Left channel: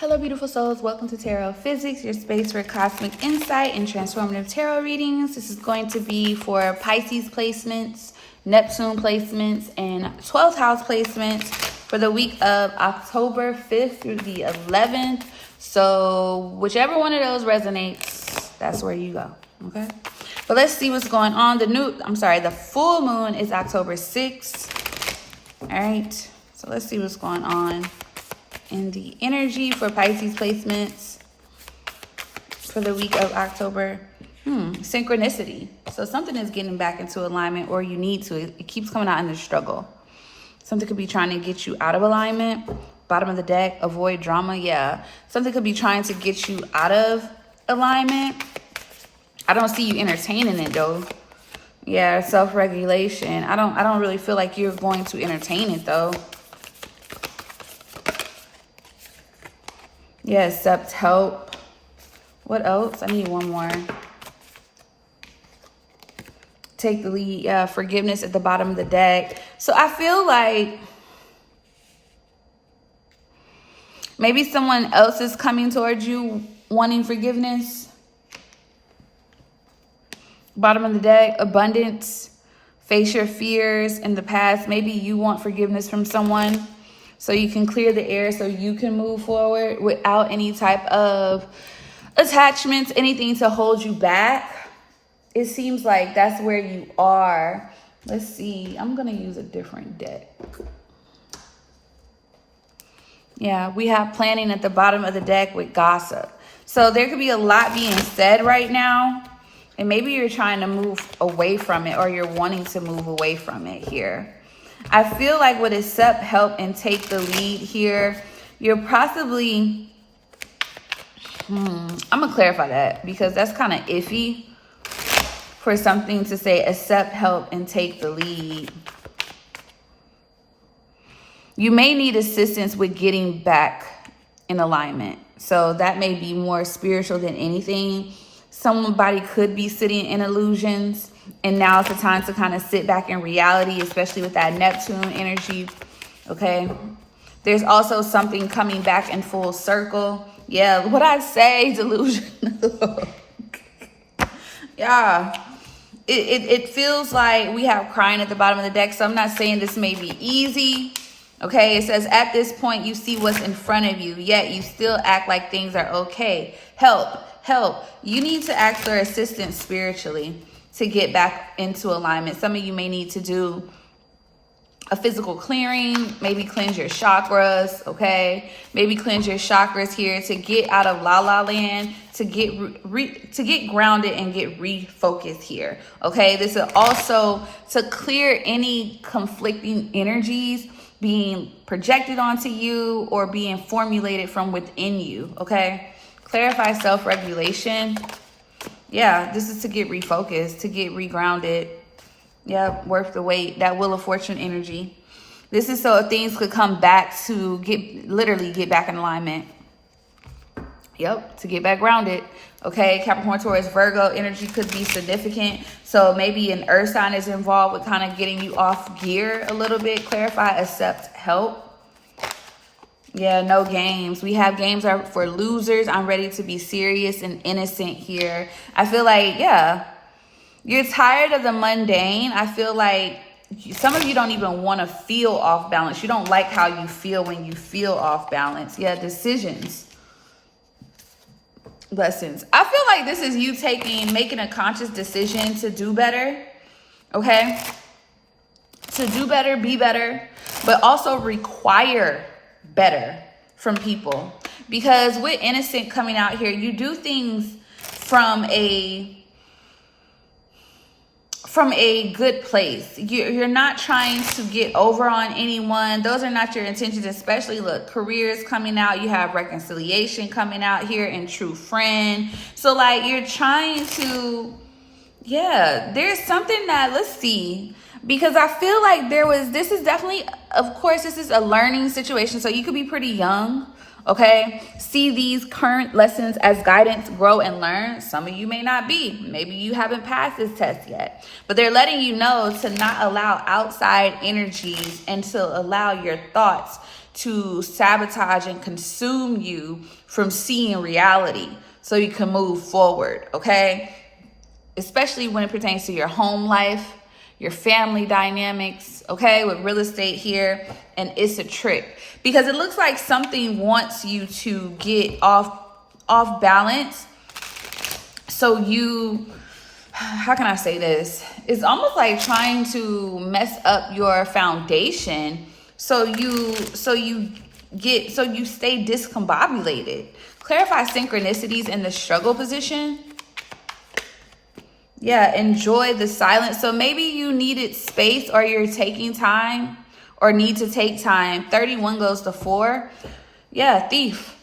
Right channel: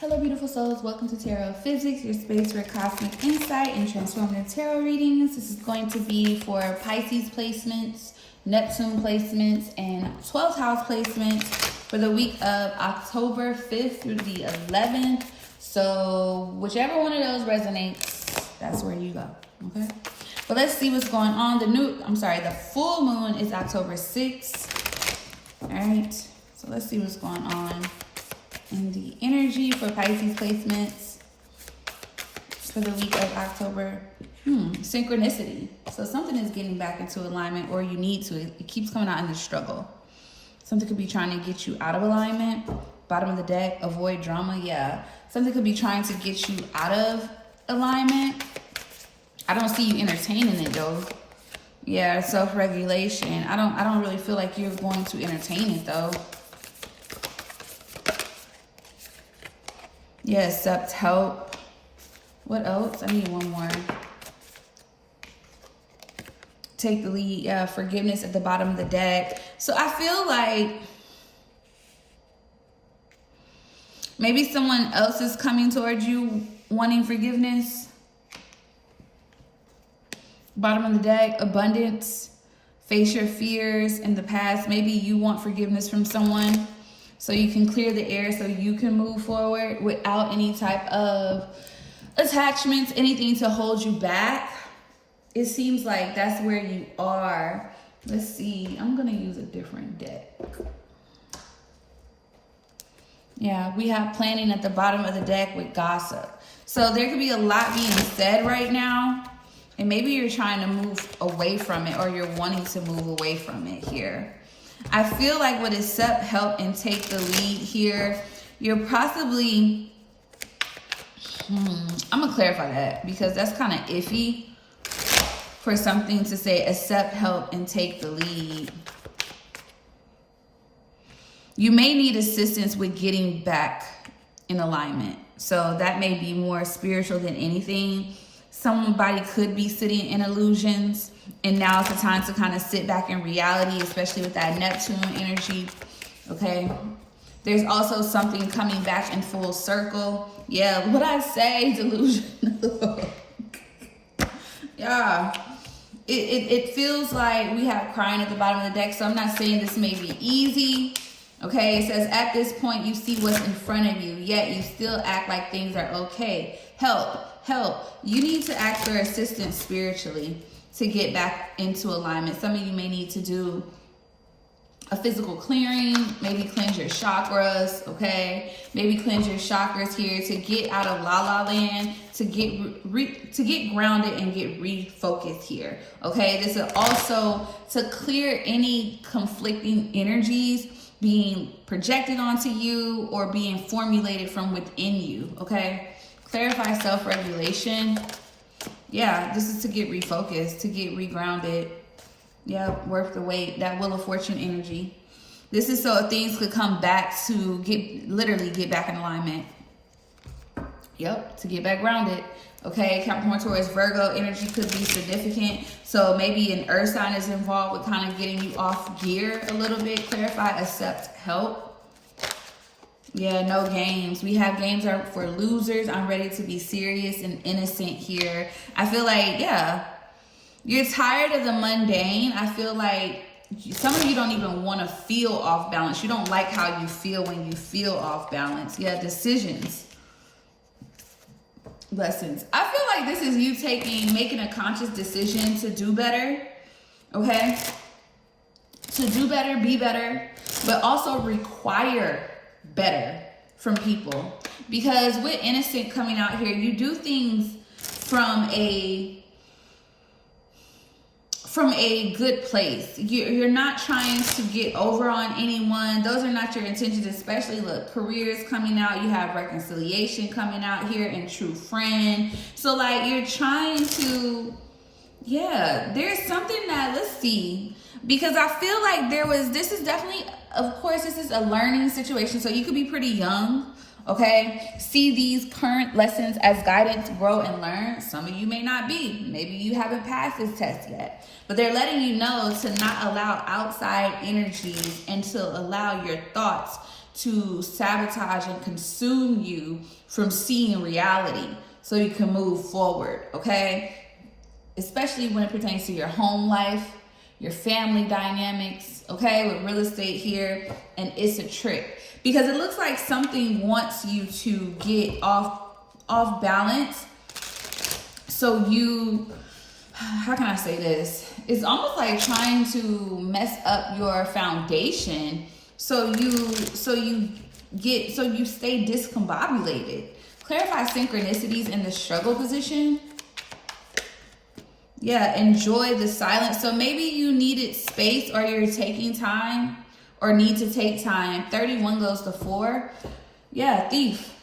Hello, beautiful souls. Welcome to Tarophysics, your space for cosmic insight and transformative tarot readings. This is going to be for Pisces placements, Neptune placements, and 12th house placements for the week of October 5th through the 11th. So whichever one of those resonates, that's where you go, okay? But let's see what's going on. The full moon is October 6th. All right, so let's see what's going on in the energy for Pisces placements for the week of October. Synchronicity. So something is getting back into alignment, or you need to. It keeps coming out in the struggle. Something could be trying to get you out of alignment. Bottom of the deck, avoid drama. Yeah. Something could be trying to get you out of alignment. I don't see you entertaining it though. Yeah, self-regulation. I don't really feel like you're going to entertain it though. Yeah, accept help. What else? I need one more. Take the lead. Yeah, forgiveness at the bottom of the deck. So I feel like maybe someone else is coming towards you wanting forgiveness. Bottom of the deck, abundance. Face your fears in the past. Maybe you want forgiveness from someone, so you can clear the air, so you can move forward without any type of attachments, anything to hold you back. It seems like that's where you are. Let's see. I'm going to use a different deck. Yeah, we have planning at the bottom of the deck with gossip. So there could be a lot being said right now. And maybe you're trying to move away from it, or you're wanting to move away from it here. I feel like with accept help and take the lead here, you're possibly, I'm going to clarify that because that's kind of iffy for something to say accept help and take the lead. You may need assistance with getting back in alignment. So that may be more spiritual than anything. Somebody could be sitting in illusions, and now it's the time to kind of sit back in reality, especially with that Neptune energy, okay? There's also something coming back in full circle. Yeah, what I say, delusion. Yeah, it feels like we have crying at the bottom of the deck, so I'm not saying this may be easy, okay? It says, at this point, you see what's in front of you, yet you still act like things are okay. Help. You need to ask for assistance spiritually to get back into alignment. Some of you may need to do a physical clearing, maybe cleanse your chakras, okay? Maybe cleanse your chakras here to get out of la land, to get grounded and get refocused here, okay? This is also to clear any conflicting energies being projected onto you or being formulated from within you, okay? Clarify self-regulation. Yeah, this is to get refocused, to get regrounded. Yeah, worth the wait. That Wheel of Fortune energy. This is so things could come back to literally get back in alignment. Yep, to get back grounded. Okay, Capricorn, Taurus, Virgo energy could be significant. So maybe an earth sign is involved with kind of getting you off gear a little bit. Clarify, accept help. Yeah, no games. We have games are for losers. I'm ready to be serious and innocent here. I feel like, yeah, you're tired of the mundane. I feel like some of you don't even want to feel off balance. You don't like how you feel when you feel off balance. Yeah, decisions. Lessons. I feel like this is you making a conscious decision to do better. Okay? To do better, be better, but also require better from people, because with innocent coming out here, you do things from a good place. You're not trying to get over on anyone. Those are not your intentions. Especially, look, careers coming out, you have reconciliation coming out here, and true friend. So like you're trying to, yeah, there's something that, let's see, because I feel like this is definitely, of course, this is a learning situation. So you could be pretty young, okay? See these current lessons as guidance, grow and learn. Some of you may not be. Maybe you haven't passed this test yet. But they're letting you know to not allow outside energies and to allow your thoughts to sabotage and consume you from seeing reality so you can move forward, okay? Especially when it pertains to your home life, your family dynamics, okay, with real estate here. And it's a trick because it looks like something wants you to get off balance. So you, how can I say this? It's almost like trying to mess up your foundation so you stay discombobulated. Clarify synchronicities in the struggle position. Yeah, enjoy the silence. So maybe you needed space or you're taking time or need to take time. 31 goes to 4. Yeah, thief.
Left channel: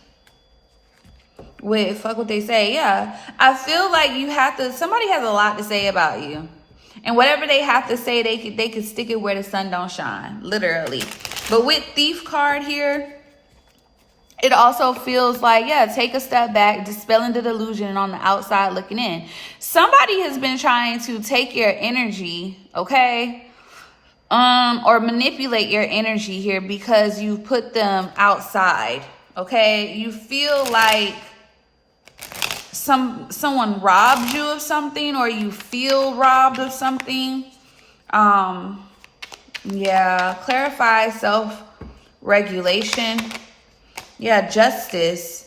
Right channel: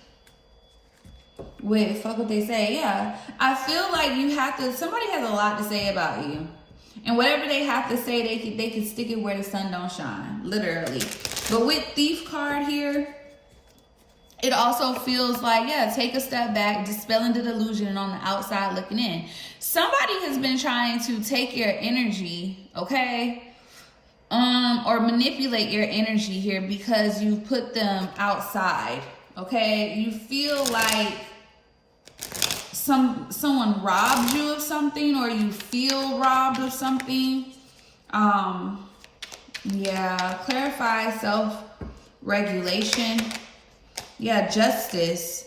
Wait, fuck what they say. Yeah, I feel like you have to, somebody has a lot to say about you. And whatever they have to say, they can stick it where the sun don't shine, literally. But with thief card here, it also feels like, yeah, take a step back, dispelling the delusion and on the outside looking in. Somebody has been trying to take your energy, okay? Or manipulate your energy here because you put them outside, okay? You feel like someone robbed you of something or you feel robbed of something. Yeah, clarify self-regulation. Yeah, justice.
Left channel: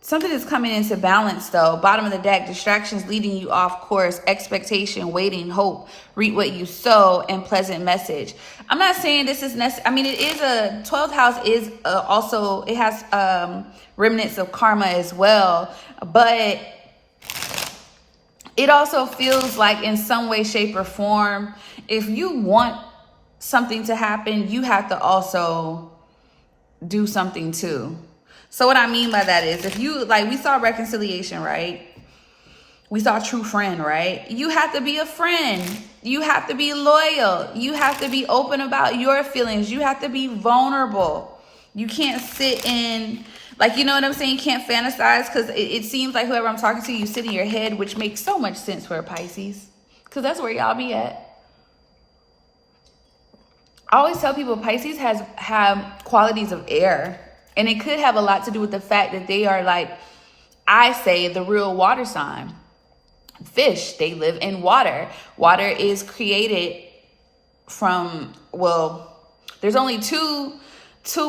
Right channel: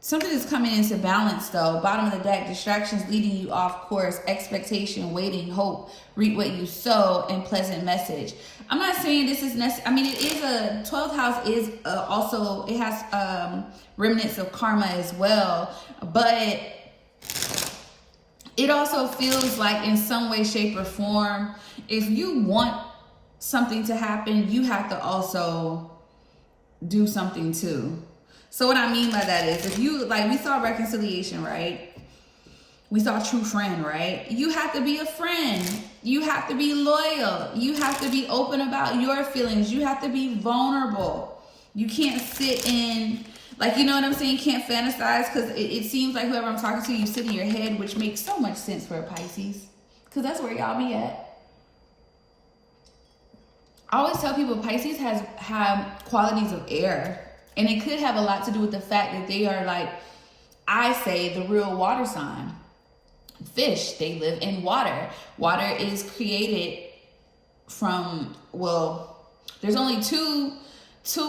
Something is coming into balance though. Bottom of the deck, distractions leading you off course, expectation, waiting, hope, reap what you sow, and pleasant message. I'm not saying this is necessary. I mean, it is a 12th house is also, it has remnants of karma as well, but it also feels like in some way, shape, or form, if you want something to happen, you have to also do something too. So what I mean by that is, if you, like, we saw reconciliation, right? We saw true friend, right? You have to be a friend. You have to be loyal. You have to be open about your feelings. You have to be vulnerable. You can't sit in, like, you know what I'm saying? You can't fantasize, because it seems like whoever I'm talking to, you sit in your head, which makes so much sense for a Pisces, because that's where y'all be at. I always tell people Pisces have qualities of air, and it could have a lot to do with the fact that they are, like I say, the real water sign. Fish, they live in water. Water is created from, well, there's only two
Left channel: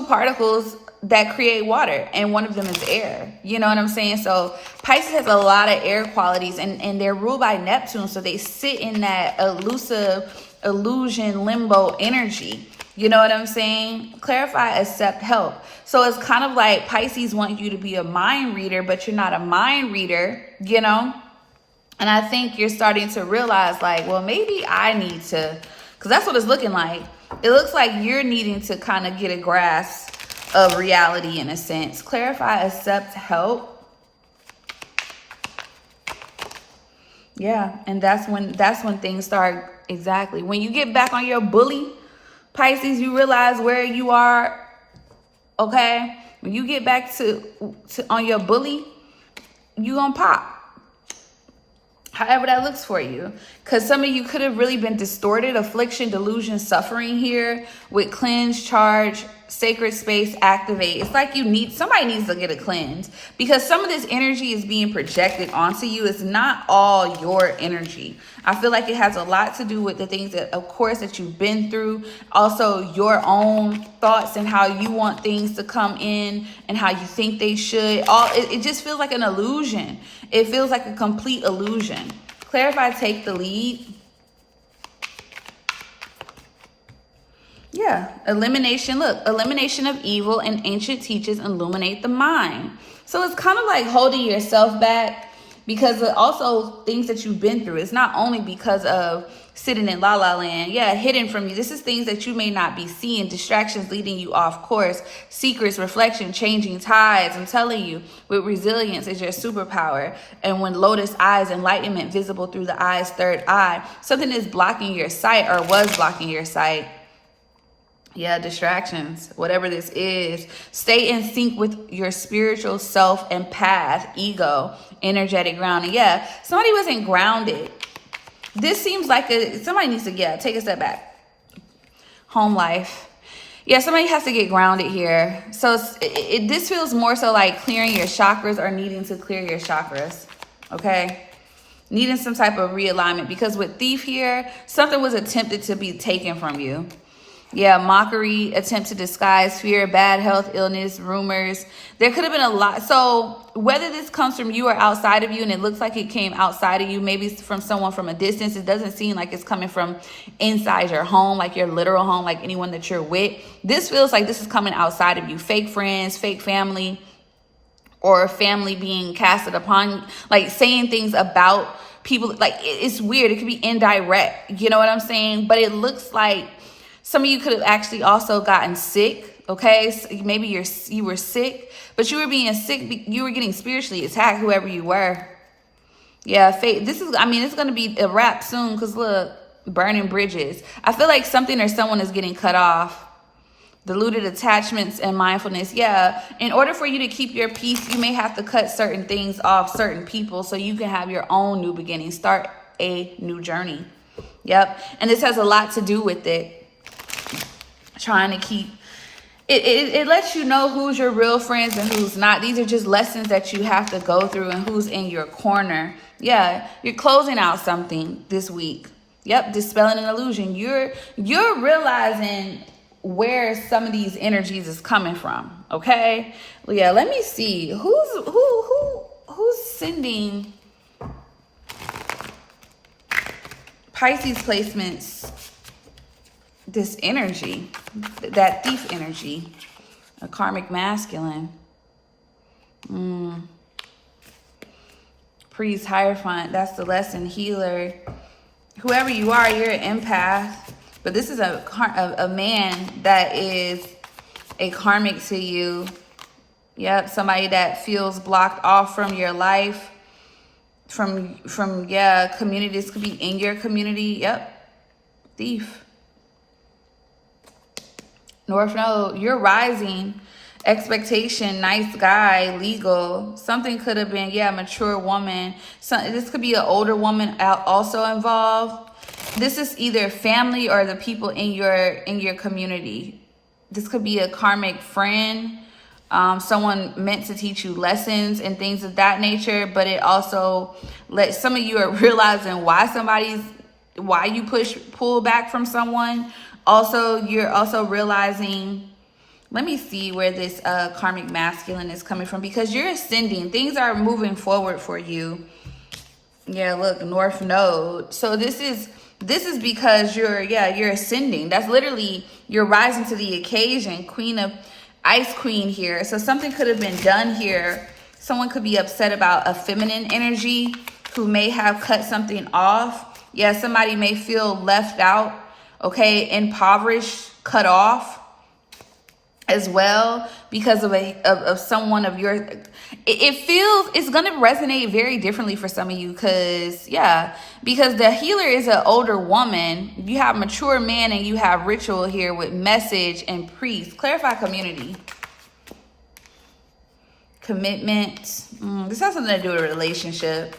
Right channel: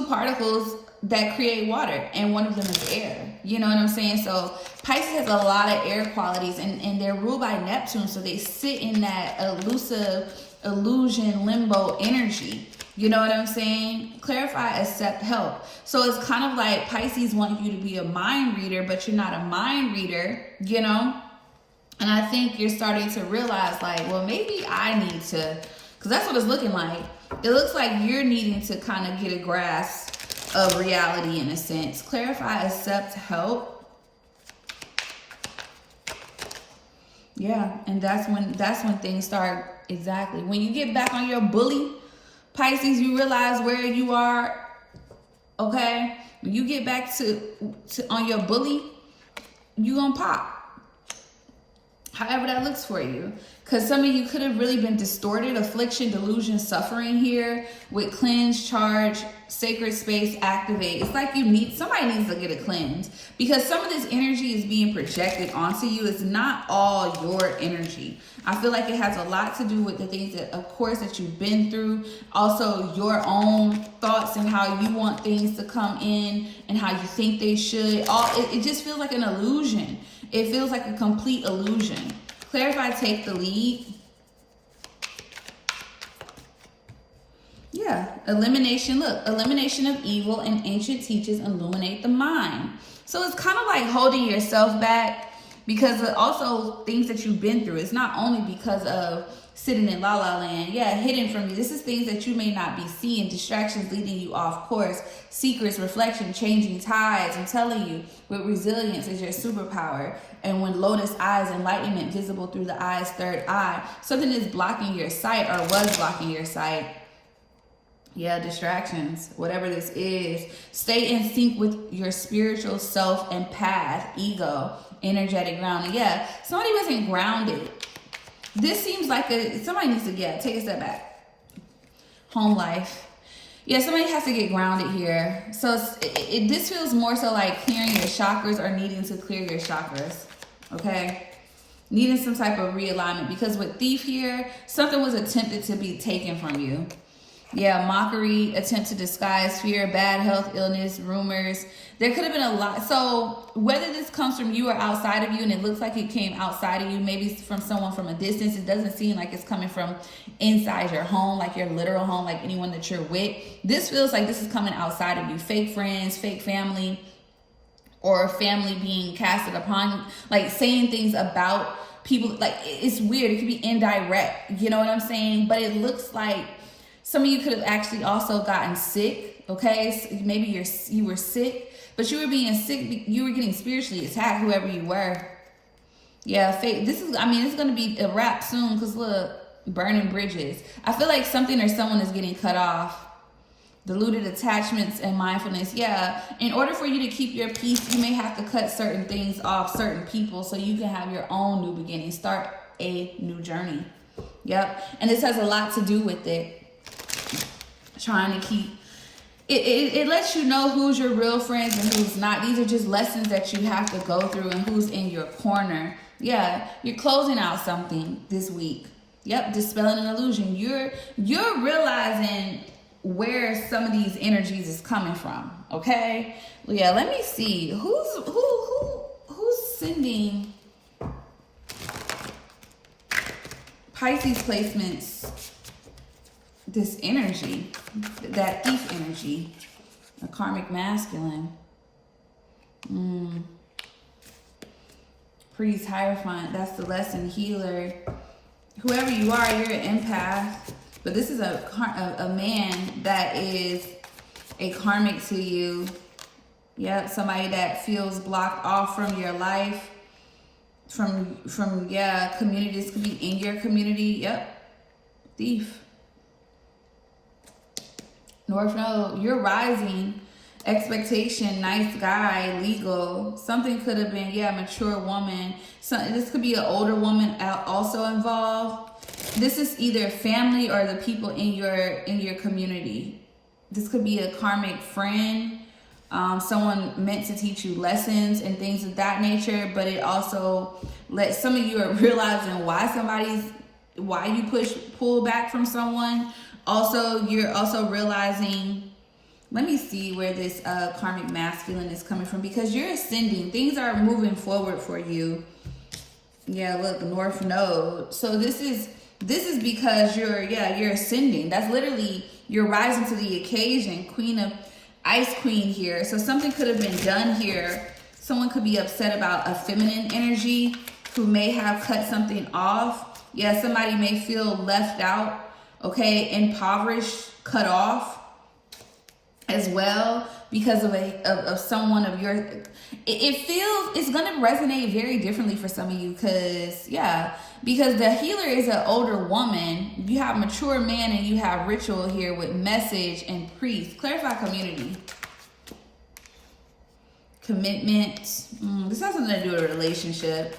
particles that create water, and one of them is air. You know what I'm saying? So Pisces has a lot of air qualities, and they're ruled by Neptune, so they sit in that elusive illusion limbo energy. You know what I'm saying? Clarify, accept, help. So it's kind of like Pisces want you to be a mind reader, but you're not a mind reader, you know? And I think you're starting to realize, like, well, maybe I need to, because that's what it's looking like. It looks like you're needing to kind of get a grasp of reality in a sense. Clarify, accept, help. Yeah, and that's when things start, exactly. When you get back on your bully, Pisces, you realize where you are, okay? When you get back to on your bully, you gonna pop. However that looks for you. Because some of you could have really been distorted, affliction, delusion, suffering here with cleanse, charge, sacred space, activate. It's like somebody needs to get a cleanse, because some of this energy is being projected onto you. It's not all your energy. I feel like it has a lot to do with the things that, of course, that you've been through. Also, your own thoughts and how you want things to come in and how you think they should. It just feels like an illusion. It feels like a complete illusion. Clarify, take the lead. Yeah, elimination. Look, elimination of evil and ancient teachers illuminate the mind. So it's kind of like holding yourself back because of also things that you've been through. It's not only because of sitting in la la land, yeah, hidden from you. This is things that you may not be seeing, distractions leading you off course, secrets, reflection, changing tides. I'm telling you, with resilience is your superpower. And when lotus eyes, enlightenment visible through the eye's third eye, something is blocking your sight or was blocking your sight. Yeah, distractions, whatever this is. Stay in sync with your spiritual self and path, ego, energetic grounding. Yeah, somebody wasn't grounded. This seems like somebody needs to, take a step back. Home life. Yeah, somebody has to get grounded here. So this feels more so like clearing your chakras or needing to clear your chakras. Okay? Needing some type of realignment, because with Thief here, something was attempted to be taken from you. Yeah, mockery, attempt to disguise fear, bad health, illness, rumors. There could have been a lot. So whether this comes from you or outside of you, and it looks like it came outside of you, maybe from someone from a distance, it doesn't seem like it's coming from inside your home, like your literal home, like anyone that you're with. This feels like this is coming outside of you. Fake friends, fake family, or family being casted upon, like saying things about people. Like, it's weird. It could be indirect. You know what I'm saying? But it looks like some of you could have actually also gotten sick, okay? So maybe you were sick, but you were being sick. You were getting spiritually attacked, whoever you were. Yeah, fate. This is, I mean, it's going to be a wrap soon, because look, burning bridges. I feel like something or someone is getting cut off. Diluted attachments and mindfulness. Yeah, in order for you to keep your peace, you may have to cut certain things off, certain people, so you can have your own new beginning. Start a new journey. Yep, and this has a lot to do with it. Trying to keep it lets you know who's your real friends and who's not. These are just lessons that you have to go through, and who's in your corner. Yeah, you're closing out something this week. Yep, dispelling an illusion. You're realizing where some of these energies is coming from. Okay, well, yeah, let me see who's sending Pisces placements this energy, that Thief energy, a karmic masculine. Priest, Hierophant, that's the lesson. Healer, whoever you are, you're an empath, but this is a man that is a karmic to you. Yep, somebody that feels blocked off from your life, from communities. Could be in your community. Yep, Thief. North Node, you're rising. Expectation, nice guy, legal. Something could have been, mature woman. This could be an older woman also involved. This is either family or the people in your community. This could be a karmic friend, someone meant to teach you lessons and things of that nature. But it also some of you are realizing why you pull back from someone. Also, you're also realizing, let me see where this karmic masculine is coming from, because you're ascending. Things are moving forward for you. Yeah, look, North Node. So this is because you're ascending. That's literally, you're rising to the occasion. Queen of Ice Queen here. So something could have been done here. Someone could be upset about a feminine energy who may have cut something off. Yeah, somebody may feel left out. Okay, impoverished, cut off as well because of someone of your. It feels it's gonna resonate very differently for some of you, because the healer is an older woman. You have mature man and you have ritual here with message and priest. Clarify community. Commitment. This has something to do with a relationship.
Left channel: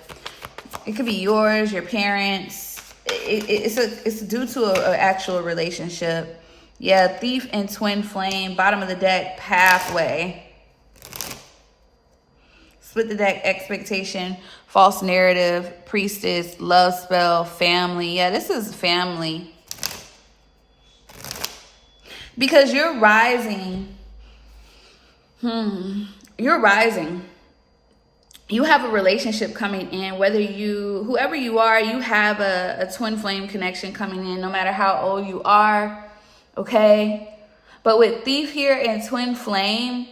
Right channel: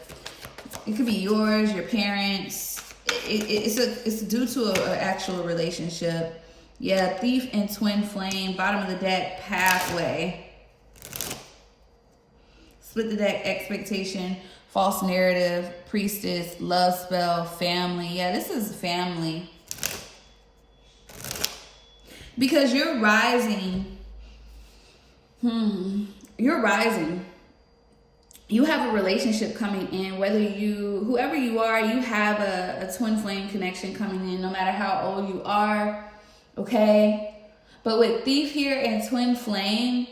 It could be yours, your parents. It's due to an actual relationship. Yeah, Thief and Twin Flame. Bottom of the deck, pathway. Split the deck, expectation, false narrative, priestess, love spell, family. Yeah, this is family. Because you're rising. You're rising. You have a relationship coming in, whoever you are, you have a twin flame connection coming in, no matter how old you are, okay? But with Thief here and Twin Flame,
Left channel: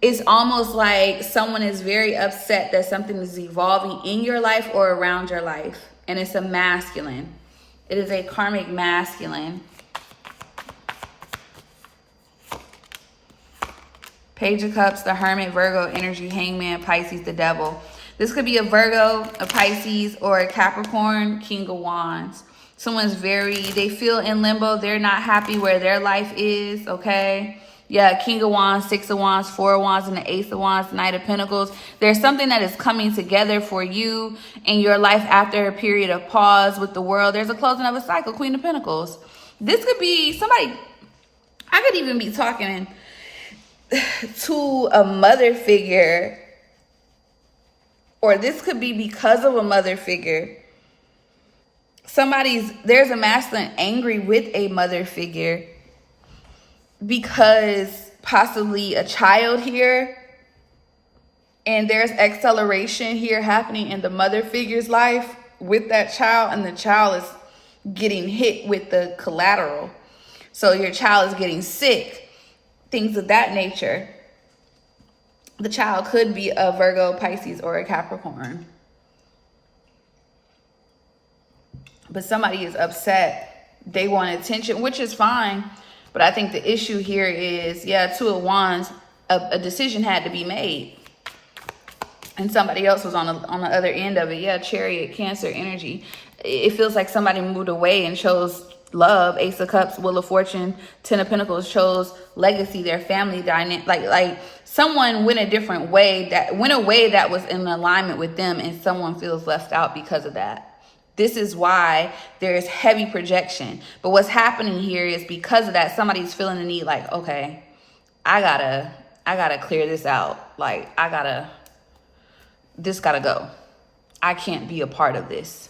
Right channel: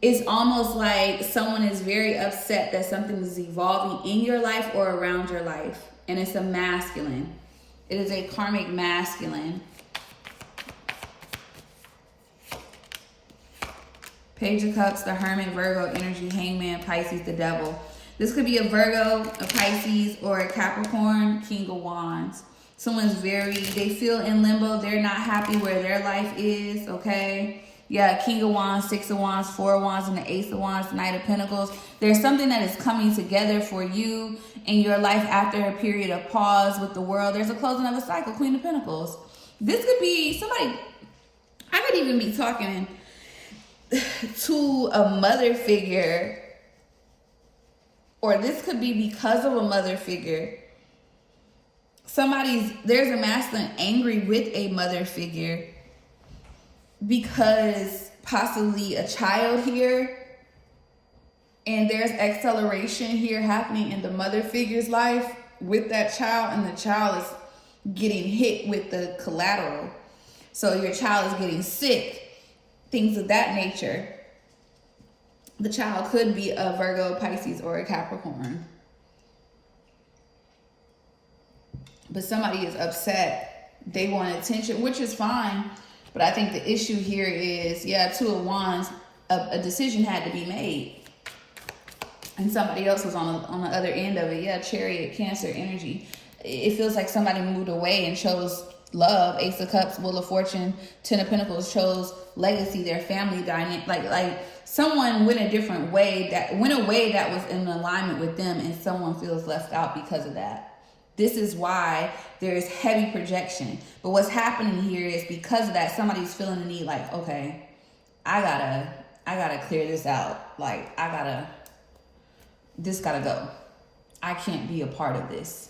it's almost like someone is very upset that something is evolving in your life or around your life, and it's a masculine. It is a karmic masculine. Page of Cups, the Hermit, Virgo energy, Hangman, Pisces, the Devil. This could be a Virgo, a Pisces, or a Capricorn, King of Wands. Someone's they feel in limbo. They're not happy where their life is, okay? Yeah, King of Wands, Six of Wands, Four of Wands, and the Ace of Wands, Knight of Pentacles. There's something that is coming together for you in your life after a period of pause with the world. There's a closing of a cycle, Queen of Pentacles. This could be somebody. I could even be talking to a mother figure, or this could be because of a mother figure. There's a masculine angry with a mother figure because possibly a child here, and there's acceleration here happening in the mother figure's life with that child, and the child is getting hit with the collateral. So your child is getting sick, things of that nature. The child could be a Virgo, Pisces, or a Capricorn. But somebody is upset. They want attention, which is fine. But I think the issue here is, Two of Wands, a decision had to be made. And somebody else was on the other end of it. Chariot, Cancer energy. It feels like somebody moved away and chose love. Ace of Cups, Wheel of Fortune, Ten of Pentacles chose legacy, their family dynamic. Like someone went a different way, that was in alignment with them, and someone feels left out because of that. This is why there's heavy projection. But what's happening here is because of that, somebody's feeling the need, like, okay, I gotta clear this out. Like, this gotta go. I can't be a part of this.